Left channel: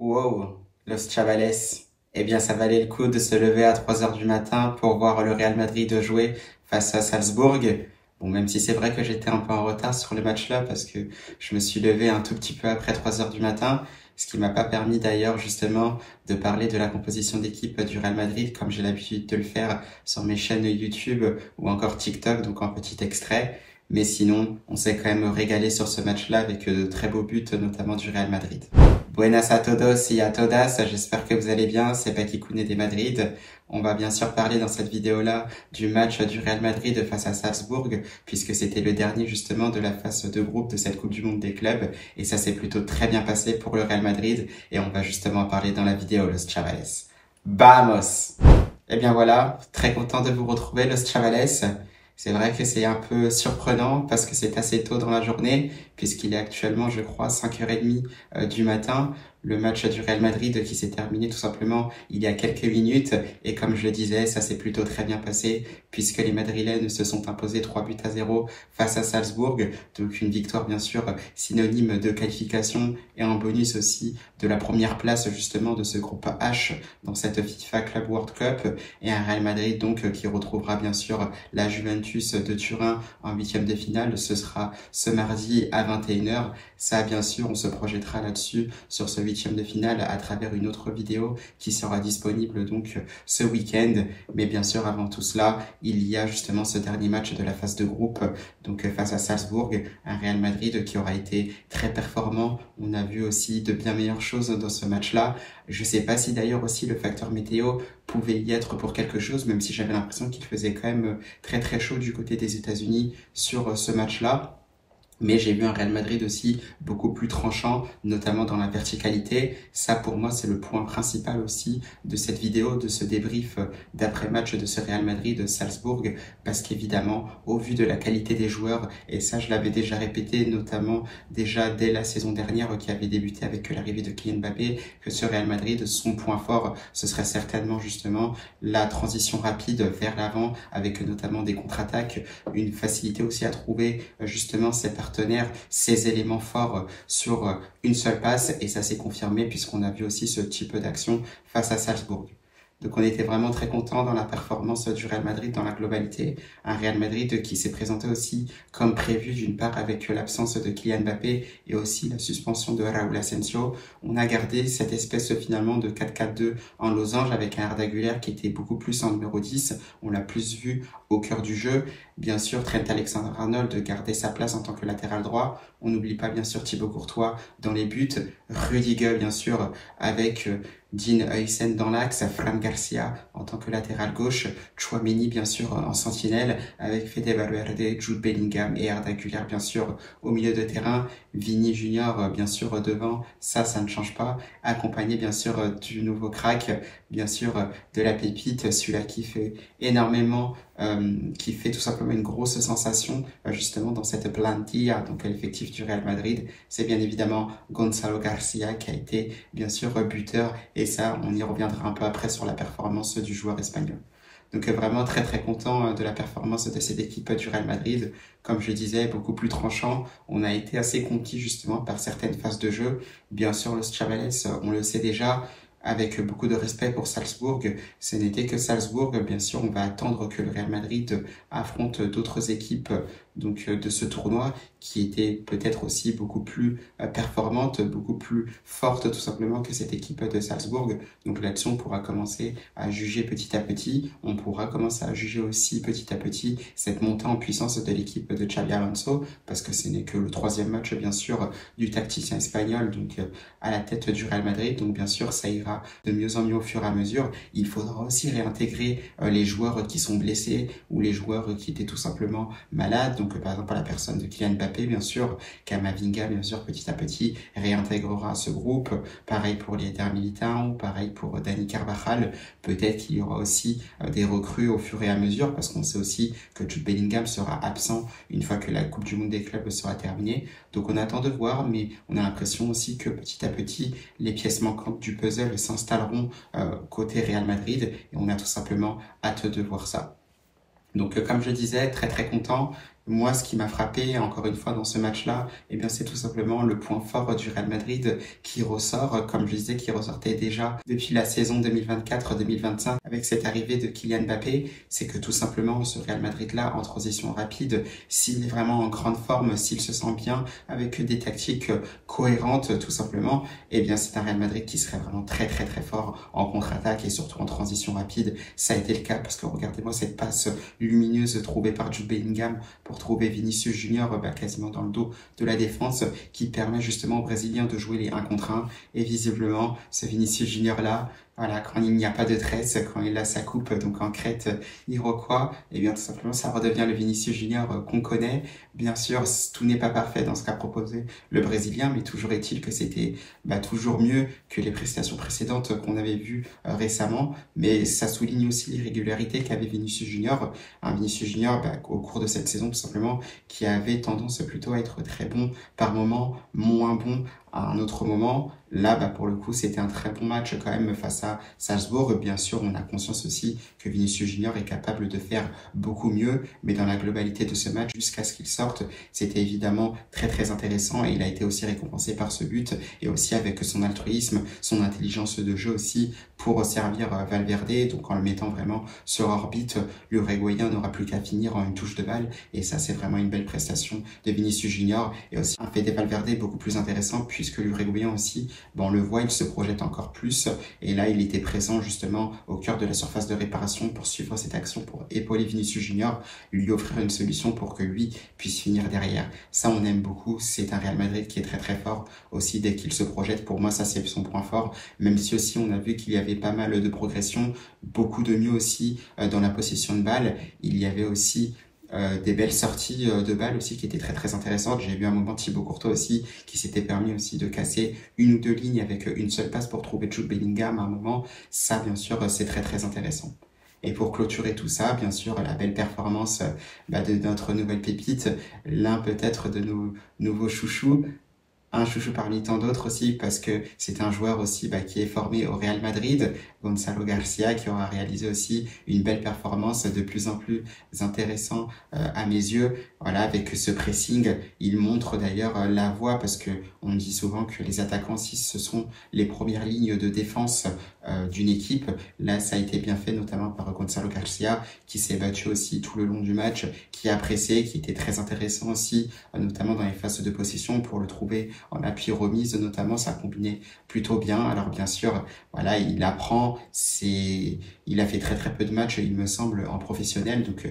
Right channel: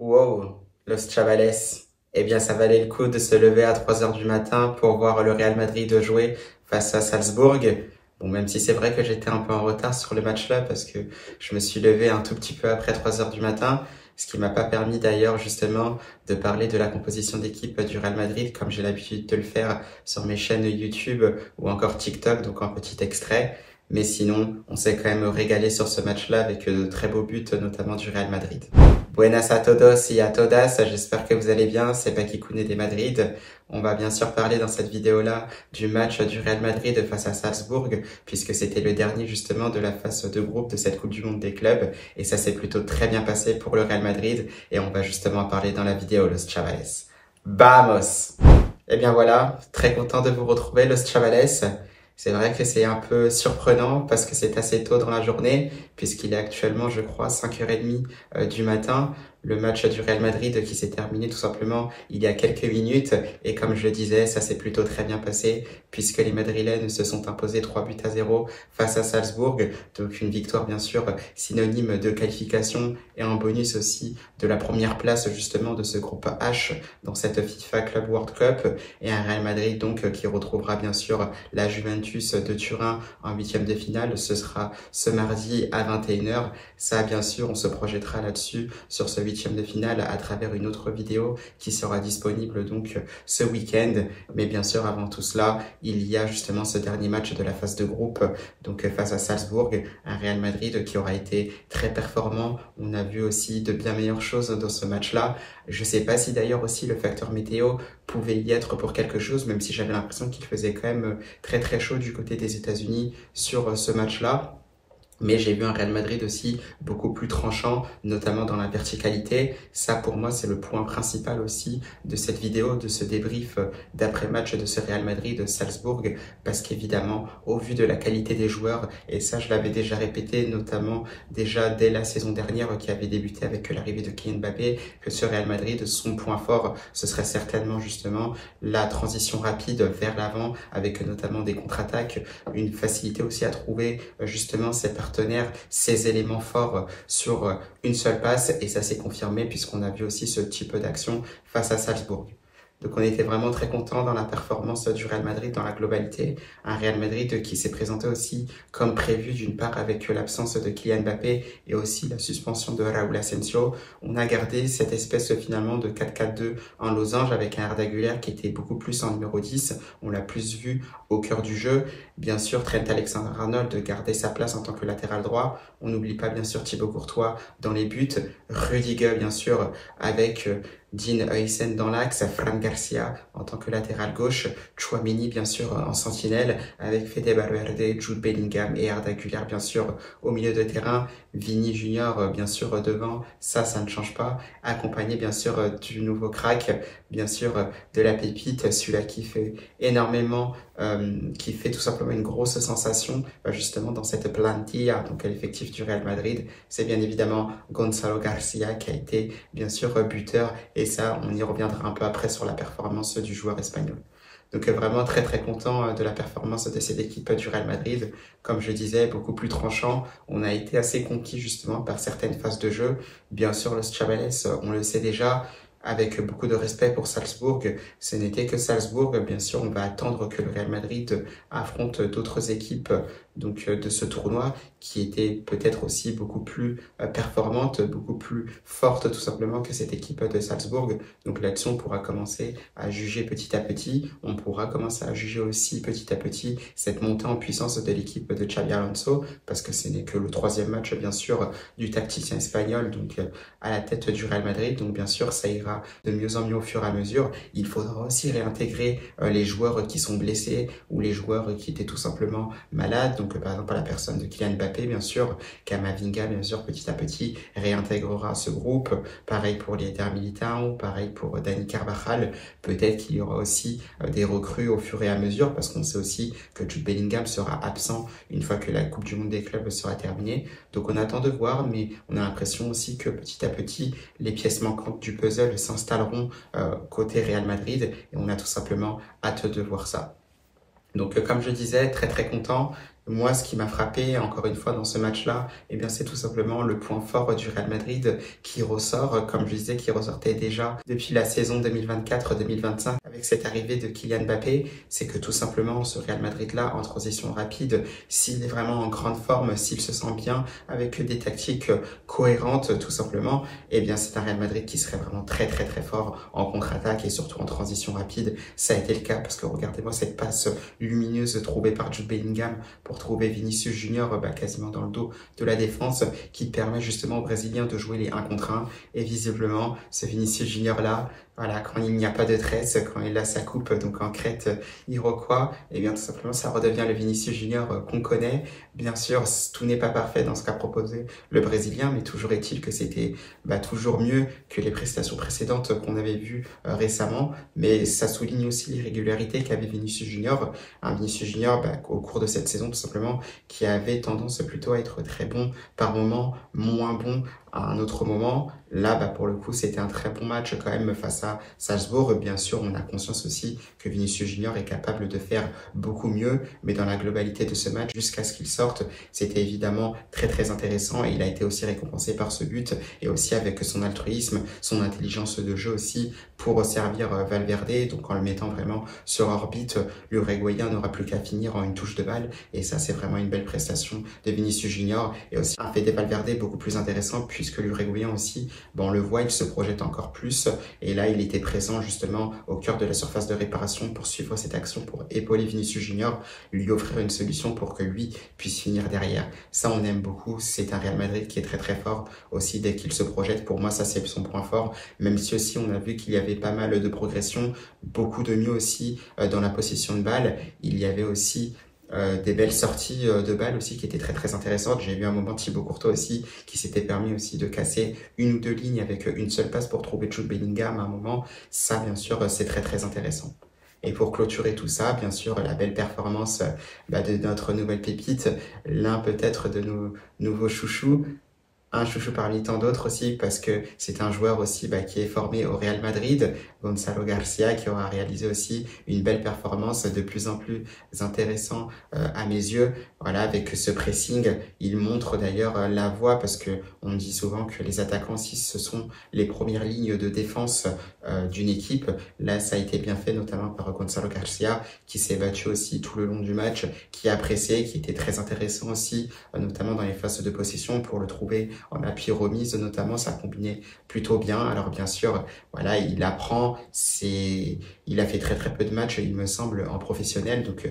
Wow, Los Chavales. Eh bien, ça valait le coup de se lever à 3 heures du matin pour voir le Real Madrid jouer face à Salzbourg. Bon, même si c'est vrai que j'étais un peu en retard sur le match-là parce que je me suis levé un tout petit peu après 3 heures du matin, ce qui m'a pas permis d'ailleurs justement de parler de la composition d'équipe du Real Madrid comme j'ai l'habitude de le faire sur mes chaînes YouTube ou encore TikTok, donc en petit extrait. Mais sinon, on s'est quand même régalé sur ce match-là avec de très beaux buts, notamment du Real Madrid. Buenas a todos y a todas, j'espère que vous allez bien, c'est Baki Koune des Madrid. On va bien sûr parler dans cette vidéo-là du match du Real Madrid face à Salzbourg, puisque c'était le dernier justement de la phase de groupe de cette Coupe du Monde des clubs, et ça s'est plutôt très bien passé pour le Real Madrid, et on va justement en parler dans la vidéo, Los Chavales. Vamos! Eh bien voilà, très content de vous retrouver, Los Chavales. C'est vrai que c'est un peu surprenant parce que c'est assez tôt dans la journée, puisqu'il est actuellement, je crois, 5h30 du matin. Le match du Real Madrid qui s'est terminé tout simplement il y a quelques minutes. Et comme je le disais, ça s'est plutôt très bien passé puisque les Madrilènes se sont imposés 3-0 face à Salzbourg. Donc une victoire bien sûr synonyme de qualification et un bonus aussi de la première place justement de ce groupe H dans cette FIFA Club World Cup. Et un Real Madrid donc qui retrouvera bien sûr la Juventus de Turin en huitième de finale. Ce sera ce mardi à 21h. Ça, bien sûr, on se projettera là-dessus sur ce huitième de finale à travers une autre vidéo qui sera disponible donc ce week-end. Mais bien sûr, avant tout cela, il y a justement ce dernier match de la phase de groupe, donc face à Salzbourg, un Real Madrid qui aura été très performant. On a vu aussi de bien meilleures choses dans ce match-là. Je sais pas si d'ailleurs aussi le facteur météo pouvait y être pour quelque chose, même si j'avais l'impression qu'il faisait quand même très très chaud du côté des États-Unis sur ce match-là. Mais j'ai vu un Real Madrid aussi beaucoup plus tranchant, notamment dans la verticalité. Ça, pour moi, c'est le point principal aussi de cette vidéo, de ce débrief d'après-match de ce Real Madrid de Salzbourg, parce qu'évidemment, au vu de la qualité des joueurs, et ça, je l'avais déjà répété, notamment déjà dès la saison dernière qui avait débuté avec l'arrivée de Kylian Mbappé, que ce Real Madrid, son point fort, ce serait certainement justement la transition rapide vers l'avant, avec notamment des contre-attaques, une facilité aussi à trouver justement ces partenaires, ces éléments forts sur une seule passe, et ça s'est confirmé puisqu'on a vu aussi ce type d'action face à Salzbourg. Donc on était vraiment très content dans la performance du Real Madrid dans la globalité. Un Real Madrid qui s'est présenté aussi comme prévu, d'une part avec l'absence de Kylian Mbappé et aussi la suspension de Raúl Asensio. On a gardé cette espèce finalement de 4-4-2 en losange avec un Arda Güler qui était beaucoup plus en numéro 10. On l'a plus vu au cœur du jeu. Bien sûr, Trent Alexander-Arnold gardait sa place en tant que latéral droit. On n'oublie pas bien sûr Thibaut Courtois dans les buts. Rudiger bien sûr avec Dean Huijsen dans l'axe, Fran Garcia en tant que latéral gauche, Tchouaméni bien sûr en sentinelle avec Fede Valverde, Jude Bellingham et Arda Güler bien sûr au milieu de terrain, Vini Junior bien sûr devant, ça ne change pas, accompagné bien sûr du nouveau crack, bien sûr de la pépite, celui-là qui fait énormément, qui fait tout simplement une grosse sensation justement dans cette plantilla, donc à l'effectif du Real Madrid, c'est bien évidemment Gonzalo Garcia qui a été bien sûr buteur. Et ça, on y reviendra un peu après sur la performance du joueur espagnol. Donc vraiment très très content de la performance de cette équipe du Real Madrid. Comme je disais, beaucoup plus tranchant. On a été assez conquis justement par certaines phases de jeu. Bien sûr, Los Chavales, on le sait déjà, avec beaucoup de respect pour Salzbourg. Ce n'était que Salzbourg. Bien sûr, on va attendre que le Real Madrid affronte d'autres équipes donc de ce tournoi qui était peut-être aussi beaucoup plus performante, beaucoup plus forte tout simplement que cette équipe de Salzbourg. Donc là-dessus, on pourra commencer à juger petit à petit. On pourra commencer à juger aussi petit à petit cette montée en puissance de l'équipe de Xabi Alonso, parce que ce n'est que le troisième match, bien sûr, du tacticien espagnol, donc à la tête du Real Madrid. Donc bien sûr, ça ira de mieux en mieux au fur et à mesure. Il faudra aussi réintégrer les joueurs qui sont blessés ou les joueurs qui étaient tout simplement malades. Donc par exemple, à la personne de Kylian Mbappé, bien sûr, Camavinga, bien sûr, petit à petit, réintégrera ce groupe. Pareil pour les Eder Militão, pareil pour Dani Carvajal. Peut-être qu'il y aura aussi des recrues au fur et à mesure, parce qu'on sait aussi que Jude Bellingham sera absent une fois que la Coupe du Monde des clubs sera terminée. Donc on attend de voir, mais on a l'impression aussi que petit à petit, les pièces manquantes du puzzle s'installeront côté Real Madrid, et on a tout simplement hâte de voir ça. Donc comme je disais, très très content. Moi, ce qui m'a frappé, encore une fois, dans ce match-là, eh bien, c'est tout simplement le point fort du Real Madrid qui ressort, comme je disais, qui ressortait déjà depuis la saison 2024-2025 avec cette arrivée de Kylian Mbappé. C'est que tout simplement, ce Real Madrid-là, en transition rapide, s'il est vraiment en grande forme, s'il se sent bien, avec des tactiques cohérentes, tout simplement, eh bien, c'est un Real Madrid qui serait vraiment très, très, très fort en contre-attaque et surtout en transition rapide. Ça a été le cas parce que regardez-moi cette passe lumineuse trouvée par Jude Bellingham pour trouver Vinicius Junior quasiment dans le dos de la défense qui permet justement aux Brésiliens de jouer les 1 contre 1 et visiblement ce Vinicius Junior là, voilà, quand il n'y a pas de tresse, quand il a sa coupe donc en crête iroquois, et bien tout simplement ça redevient le Vinicius Junior qu'on connaît. Bien sûr, tout n'est pas parfait dans ce qu'a proposé le Brésilien, mais toujours est-il que c'était toujours mieux que les prestations précédentes qu'on avait vues récemment. Mais ça souligne aussi l'irrégularité qu'avait Vinicius Junior. Un Vinicius Junior au cours de cette saison tout simplement qui avait tendance plutôt à être très bon par moment, moins bon à un autre moment. Là, pour le coup, c'était un très bon match quand même face à Salzbourg. Bien sûr, on a conscience aussi que Vinicius Junior est capable de faire beaucoup mieux, mais dans la globalité de ce match, jusqu'à ce qu'il sorte, c'était évidemment très très intéressant et il a été aussi récompensé par ce but et aussi avec son altruisme, son intelligence de jeu aussi pour servir Valverde, donc en le mettant vraiment sur orbite, l'Uruguayen n'aura plus qu'à finir en une touche de balle et ça c'est vraiment une belle prestation de Vinicius Junior et aussi un Fede Valverde beaucoup plus intéressant puisque l'Uruguayen aussi, on le voit, il se projette encore plus et là il était présent justement au cœur de la surface de réparation pour suivre cette action, pour épauler Vinicius Junior, lui offrir une solution pour que lui puisse finir derrière. Ça on aime beaucoup, c'est un Real Madrid qui est très très fort aussi dès qu'il se projette, pour moi ça c'est son point fort, même si aussi on a vu qu'il y avait pas mal de progression, beaucoup de mieux aussi dans la possession de balle, il y avait aussi des belles sorties de balles aussi qui étaient très très intéressantes. J'ai vu un moment Thibaut Courtois aussi qui s'était permis aussi de casser une ou deux lignes avec une seule passe pour trouver Jude Bellingham à un moment. Ça bien sûr c'est très très intéressant. Et pour clôturer tout ça, bien sûr, la belle performance de notre nouvelle pépite, l'un peut-être de nos nouveaux chouchous, un chouchou parmi tant d'autres aussi parce que c'est un joueur aussi qui est formé au Real Madrid, Gonzalo Garcia, qui aura réalisé aussi une belle performance de plus en plus intéressant à mes yeux. Voilà, avec ce pressing, il montre d'ailleurs la voie parce que on dit souvent que les attaquants, si ce sont les premières lignes de défense d'une équipe, là ça a été bien fait notamment par Gonzalo Garcia qui s'est battu aussi tout le long du match, qui a pressé, qui était très intéressant aussi, notamment dans les phases de possession pour le trouver en appui remise notamment, ça combinait plutôt bien. Alors bien sûr, voilà, il apprend, il a fait très très peu de matchs, il me semble, en professionnel, donc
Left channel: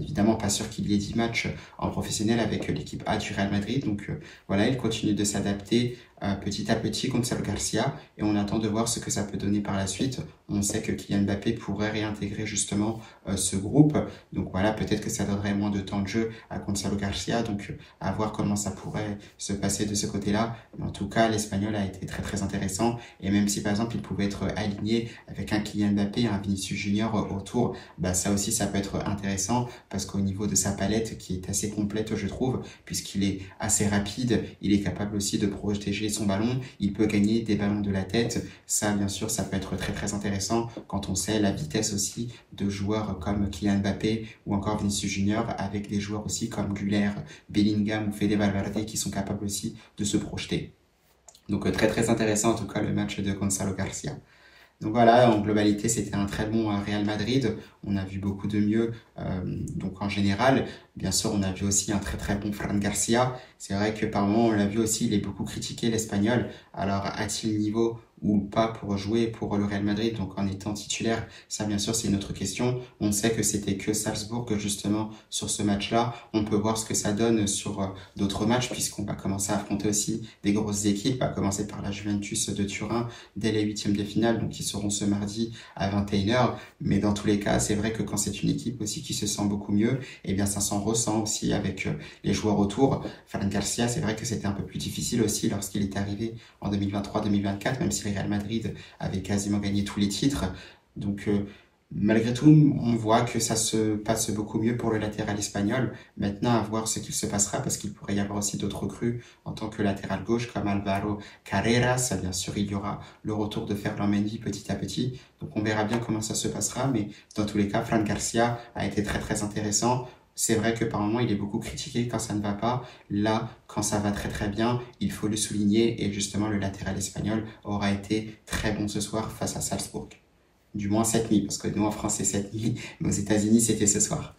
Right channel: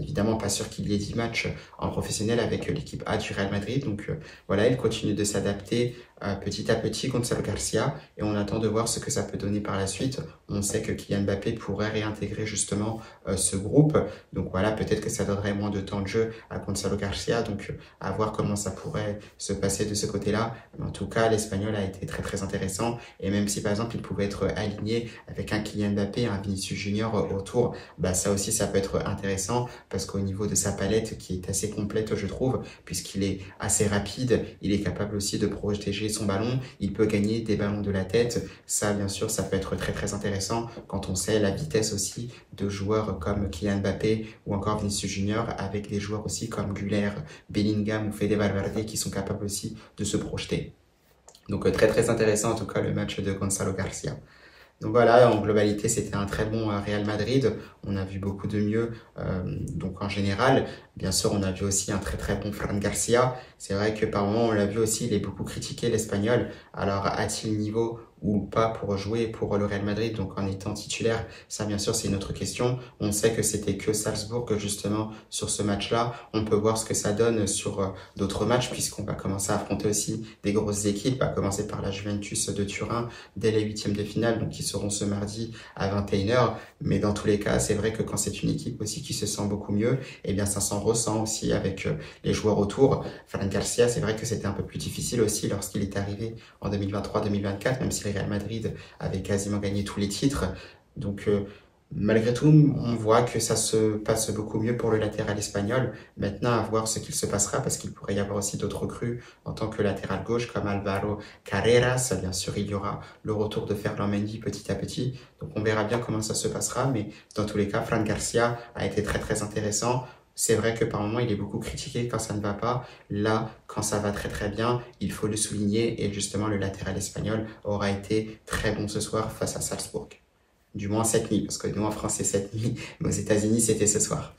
évidemment pas sûr qu'il y ait 10 matchs en professionnel avec l'équipe A du Real Madrid, donc voilà, il continue de s'adapter petit à petit Gonzalo Garcia et on attend de voir ce que ça peut donner par la suite. On sait que Kylian Mbappé pourrait réintégrer justement ce groupe, donc voilà, peut-être que ça donnerait moins de temps de jeu à Gonzalo Garcia, donc à voir comment ça pourrait se passer de ce côté-là. Mais en tout cas, l'Espagnol a été très très intéressant et même si par exemple il pouvait être aligné avec un Kylian Mbappé, un Vinicius Junior autour, ça aussi ça peut être intéressant parce qu'au niveau de sa palette qui est assez complète je trouve, puisqu'il est assez rapide, il est capable aussi de protéger son ballon, il peut gagner des ballons de la tête, ça bien sûr ça peut être très très intéressant quand on sait la vitesse aussi de joueurs comme Kylian Mbappé ou encore Vinicius Junior avec des joueurs aussi comme Güler, Bellingham ou Fede Valverde qui sont capables aussi de se projeter. Donc très très intéressant en tout cas le match de Gonzalo Garcia. Donc voilà, en globalité, c'était un très bon Real Madrid. On a vu beaucoup de mieux. Donc en général, bien sûr, on a vu aussi un très très bon Fran Garcia. C'est vrai que par moments, on l'a vu aussi, il est beaucoup critiqué, l'Espagnol. Alors, a-t-il niveau ou pas pour jouer pour le Real Madrid, donc en étant titulaire? Ça, bien sûr, c'est une autre question. On sait que c'était que Salzbourg, justement, sur ce match-là. On peut voir ce que ça donne sur d'autres matchs, puisqu'on va commencer à affronter aussi des grosses équipes, à commencer par la Juventus de Turin dès les huitièmes de finale, donc qui seront ce mardi à 21h. Mais dans tous les cas, c'est vrai que quand c'est une équipe aussi qui se sent beaucoup mieux, eh bien ça s'en ressent aussi avec les joueurs autour. Fran Garcia, c'est vrai que c'était un peu plus difficile aussi lorsqu'il est arrivé en 2023-2024, même si le Real Madrid avait quasiment gagné tous les titres. Donc malgré tout, on voit que ça se passe beaucoup mieux pour le latéral espagnol. Maintenant, à voir ce qu'il se passera, parce qu'il pourrait y avoir aussi d'autres recrues en tant que latéral gauche, comme Alvaro Carreras. Bien sûr, il y aura le retour de Ferland Mendy petit à petit. Donc, on verra bien comment ça se passera. Mais dans tous les cas, Fran Garcia a été très, très intéressant. c'est vrai que par moments, il est beaucoup critiqué quand ça ne va pas. Là, quand ça va très très bien, il faut le souligner. Et justement, le latéral espagnol aura été très bon ce soir face à Salzbourg. Du moins cette nuit, parce que nous en France c'est cette nuit, mais aux États-Unis c'était ce soir.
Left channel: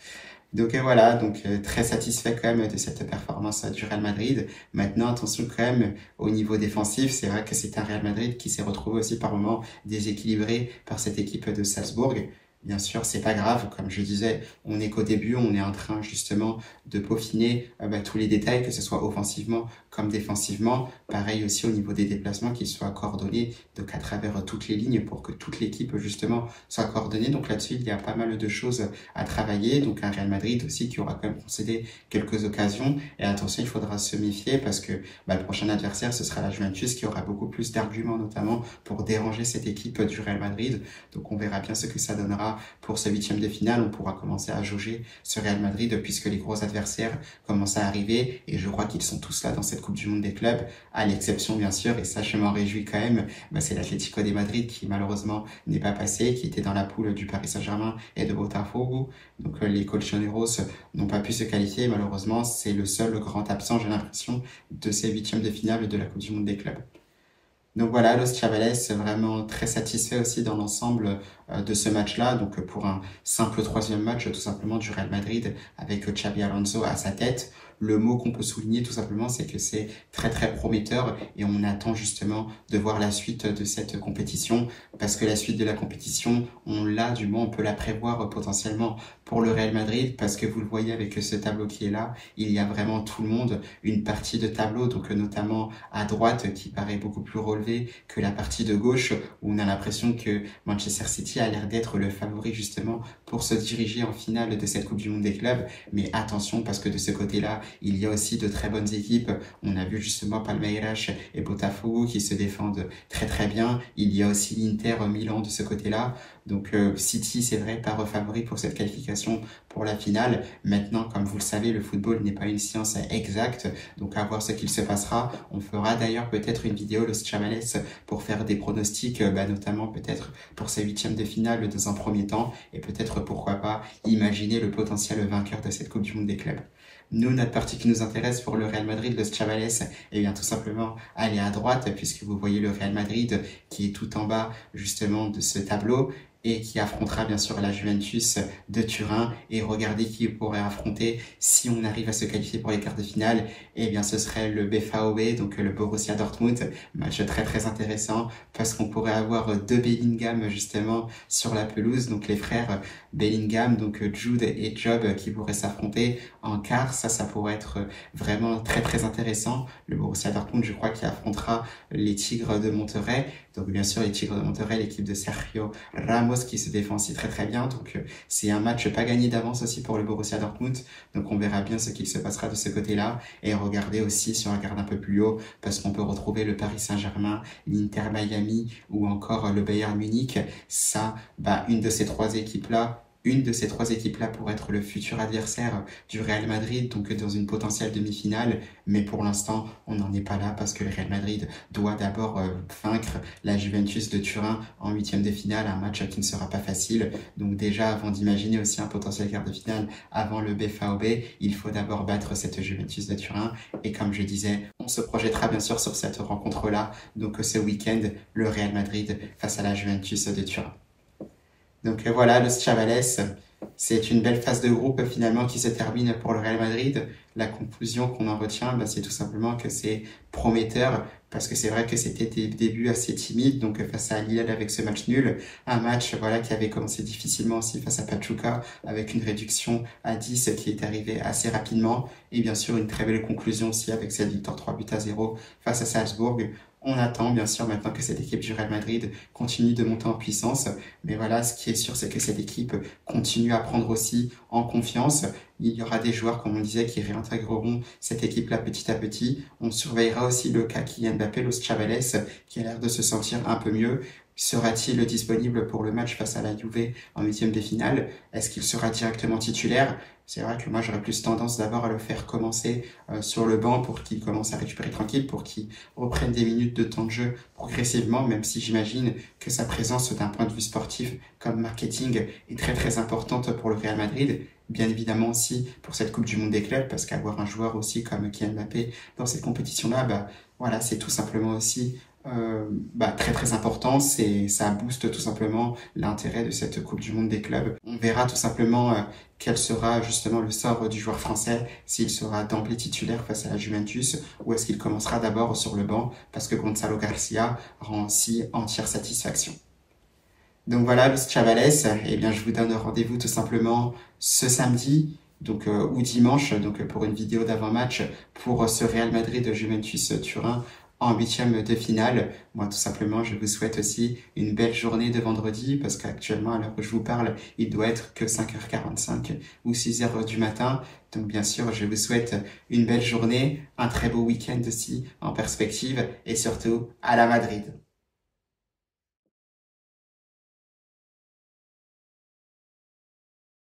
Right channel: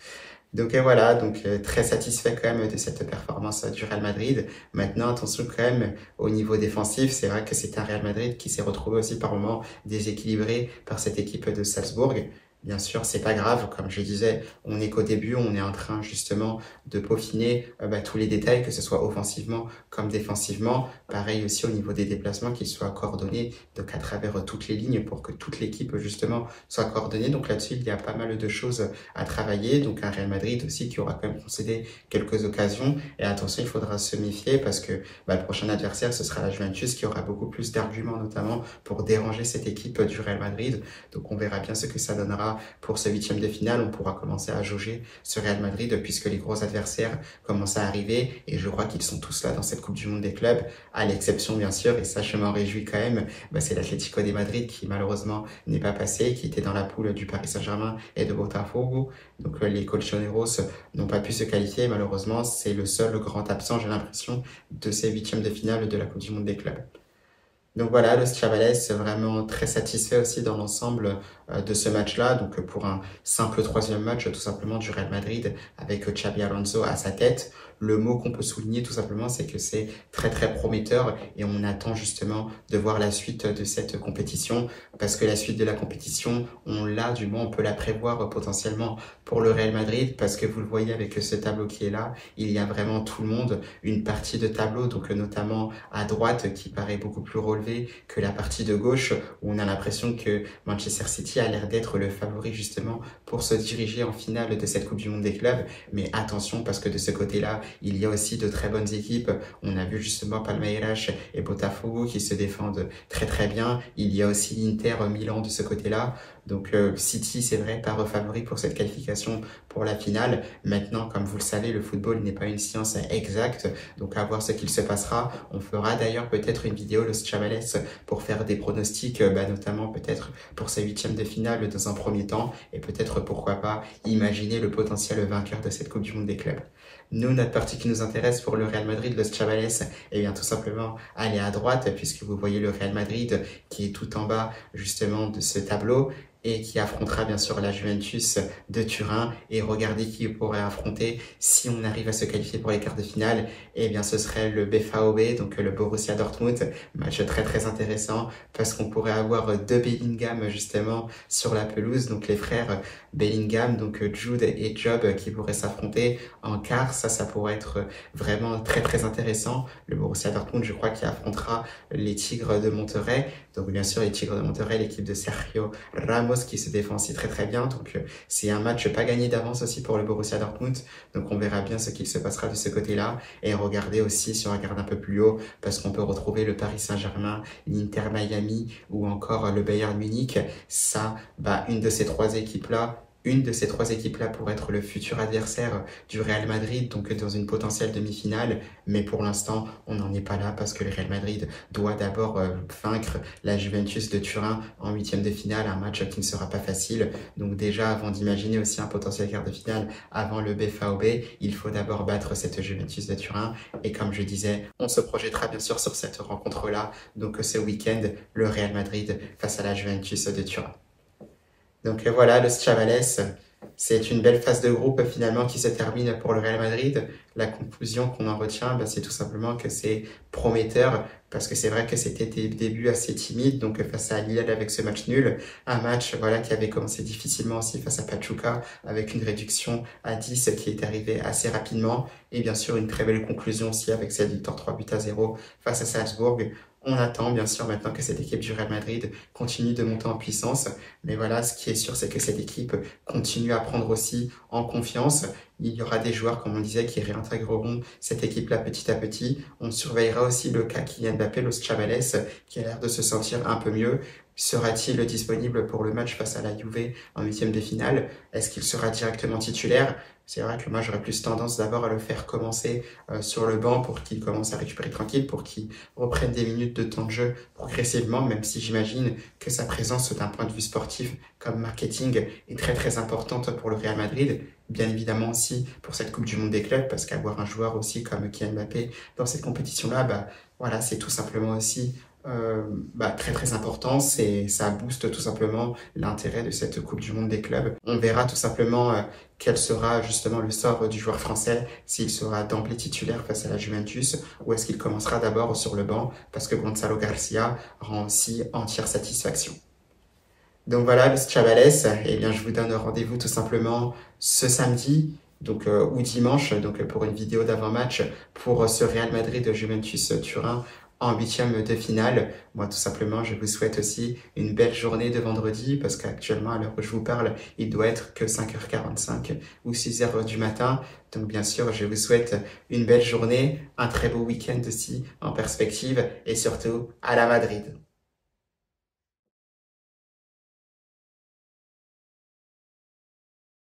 Donc voilà, très satisfait quand même de cette performance du Real Madrid. Maintenant, attention quand même au niveau défensif, c'est vrai que c'est un Real Madrid qui s'est retrouvé aussi par moments déséquilibré par cette équipe de Salzbourg. Bien sûr, c'est pas grave, comme je disais, on n'est qu'au début, on est en train justement de peaufiner tous les détails, que ce soit offensivement comme défensivement. Pareil aussi au niveau des déplacements, qu'ils soient coordonnés, donc à travers toutes les lignes pour que toute l'équipe justement soit coordonnée. Donc là-dessus, il y a pas mal de choses à travailler. Donc un Real Madrid aussi qui aura quand même concédé quelques occasions. Et attention, il faudra se méfier parce que le prochain adversaire, ce sera la Juventus qui aura beaucoup plus d'arguments notamment pour déranger cette équipe du Real Madrid. Donc on verra bien ce que ça donnera pour ce huitième de finale. On pourra commencer à jauger ce Real Madrid puisque les gros adversaires commencent à arriver et je crois qu'ils sont tous là dans cette Coupe du Monde des clubs, à l'exception bien sûr, et ça je m'en réjouis quand même, c'est l'Atlético de Madrid qui malheureusement n'est pas passé, qui était dans la poule du Paris Saint-Germain et de Botafogo. Donc les colchoneros n'ont pas pu se qualifier, malheureusement c'est le seul grand absent, j'ai l'impression, de ces huitièmes de finale de la Coupe du Monde des clubs. Donc voilà, Los Chavales vraiment très satisfait aussi dans l'ensemble de ce match-là. Donc pour un simple troisième match tout simplement du Real Madrid avec Xabi Alonso à sa tête. Le mot qu'on peut souligner tout simplement, c'est que c'est très très prometteur et on attend justement de voir la suite de cette compétition parce que la suite de la compétition, on l'a, du moins on peut la prévoir potentiellement pour le Real Madrid parce que vous le voyez avec ce tableau qui est là, il y a vraiment tout le monde, une partie de tableau, donc notamment à droite qui paraît beaucoup plus relevée que la partie de gauche où on a l'impression que Manchester City a l'air d'être le favori justement pour se diriger en finale de cette Coupe du Monde des clubs. Mais attention parce que de ce côté-là, il y a aussi de très bonnes équipes. On a vu justement Palmeiras et Botafogo qui se défendent très très bien. Il y a aussi l'Inter Milan de ce côté-là. Donc City, c'est vrai, pas favori pour cette qualification pour la finale. Maintenant, comme vous le savez, le football n'est pas une science exacte. Donc à voir ce qu'il se passera. On fera d'ailleurs peut-être une vidéo Los Chavales pour faire des pronostics, notamment peut-être pour ces huitièmes de finale dans un premier temps. Et peut-être, pourquoi pas, imaginer le potentiel vainqueur de cette Coupe du Monde des clubs. Nous, notre partie qui nous intéresse pour le Real Madrid, Los Chavales, eh bien tout simplement aller à droite puisque vous voyez le Real Madrid qui est tout en bas justement de ce tableau et qui affrontera bien sûr la Juventus de Turin. Et regardez qui pourrait affronter si on arrive à se qualifier pour les quarts de finale. Eh bien ce serait le BVB, donc le Borussia Dortmund. Match très très intéressant parce qu'on pourrait avoir deux Bellingham justement sur la pelouse. Donc les frères Bellingham, donc Jude et Job qui pourraient s'affronter en quart. Ça pourrait être vraiment très très intéressant. Le Borussia Dortmund, je crois, qui affrontera les Tigres de Monterrey. Donc bien sûr les Tigres de Monterrey, l'équipe de Sergio Ramos qui se défend aussi très très bien. Donc c'est un match pas gagné d'avance aussi pour le Borussia Dortmund. Donc on verra bien ce qu'il se passera de ce côté-là. Et regardez aussi, si on regarde un peu plus haut, parce qu'on peut retrouver le Paris Saint-Germain, l'Inter Miami ou encore le Bayern Munich. Ça, une de ces trois équipes-là, pourrait être le futur adversaire du Real Madrid, donc dans une potentielle demi-finale. Mais pour l'instant, on n'en est pas là parce que le Real Madrid doit d'abord vaincre la Juventus de Turin en huitième de finale, un match qui ne sera pas facile. Donc déjà, avant d'imaginer aussi un potentiel quart de finale avant le BVB, il faut d'abord battre cette Juventus de Turin. Et comme je disais, on se projettera bien sûr sur cette rencontre-là. Donc ce week-end, le Real Madrid face à la Juventus de Turin. Donc voilà, Los Chavales, c'est une belle phase de groupe finalement qui se termine pour le Real Madrid. La conclusion qu'on en retient, c'est tout simplement que c'est prometteur parce que c'est vrai que c'était des débuts assez timides, donc face à Lille avec ce match nul, un match qui avait commencé difficilement aussi face à Pachuca avec une réduction à 10 qui est arrivée assez rapidement et bien sûr une très belle conclusion aussi avec cette victoire 3-0 face à Salzbourg. On attend bien sûr maintenant que cette équipe du Real Madrid continue de monter en puissance. Mais voilà, ce qui est sûr, c'est que cette équipe continue à prendre aussi en confiance. Il y aura des joueurs, comme on disait, qui réintégreront cette équipe-là petit à petit. On surveillera aussi le cas Kylian Mbappé, Los Chavales, qui a l'air de se sentir un peu mieux. Sera-t-il disponible pour le match face à la Juve en huitième de finale? Est-ce qu'il sera directement titulaire? C'est vrai que moi, j'aurais plus tendance d'abord à le faire commencer sur le banc pour qu'il commence à récupérer tranquille, pour qu'il reprenne des minutes de temps de jeu progressivement, même si j'imagine que sa présence d'un point de vue sportif comme marketing est très très importante pour le Real Madrid. bien évidemment aussi pour cette Coupe du Monde des clubs, parce qu'avoir un joueur aussi comme Kylian Mbappé dans cette compétition-là, bah, voilà, c'est tout simplement aussi très très important. Ça booste tout simplement l'intérêt de cette Coupe du Monde des clubs. On verra tout simplement quel sera justement le sort du joueur français, s'il sera d'emblée titulaire face à la Juventus ou est-ce qu'il commencera d'abord sur le banc parce que Gonzalo Garcia rend aussi entière satisfaction. Donc voilà, Chavales, eh bien je vous donne rendez-vous tout simplement ce samedi ou dimanche pour une vidéo d'avant-match pour ce Real Madrid de Juventus Turin en huitième de finale. Moi, tout simplement, je vous souhaite aussi une belle journée de vendredi parce qu'actuellement, à l'heure où je vous parle, il doit être que 5h45 ou 6h du matin. Donc, bien sûr, je vous souhaite une belle journée, un très beau week-end aussi en perspective et surtout à la Madrid.